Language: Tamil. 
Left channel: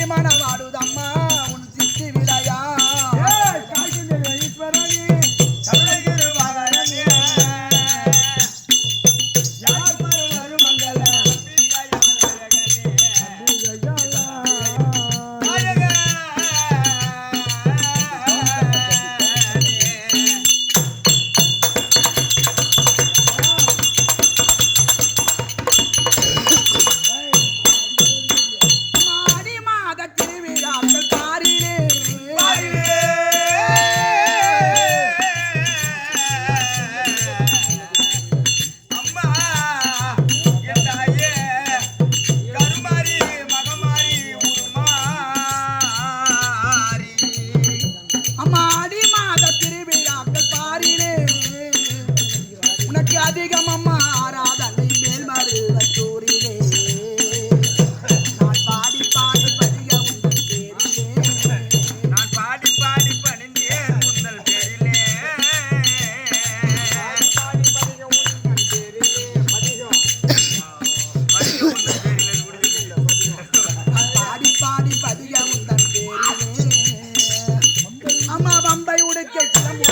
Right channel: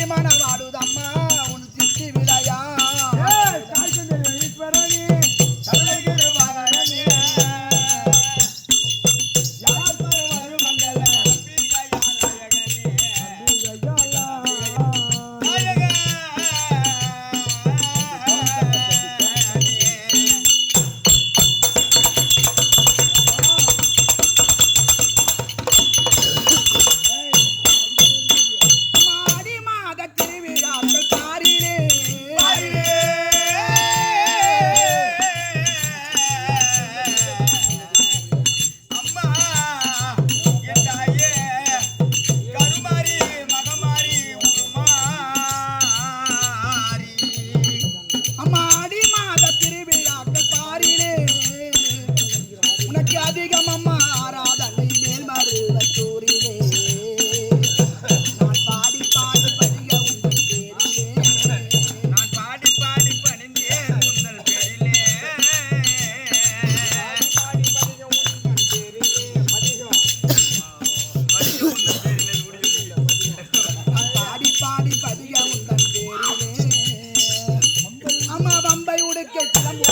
பிரியமான வாடுதம்மா உன் எனக்கு அதிகம் அம்மா ஆராதனை மேல் மருவத்தூரிலே நான் பாடி பாடி பணிக உங்கள் பேரிலே. நான் பாடி பாடி பணிந்தேன் உங்கள் பேரிலே. பாடி பணிக உங்கள் பேரிலே பதிகம் பதிக உங்கள் பேரிலே. முடியல பதிகம். நான் பாடி பாடி பதிக உங்கள் பேரிலே. அம்மா பம்பை உடுக்க கிளம்பு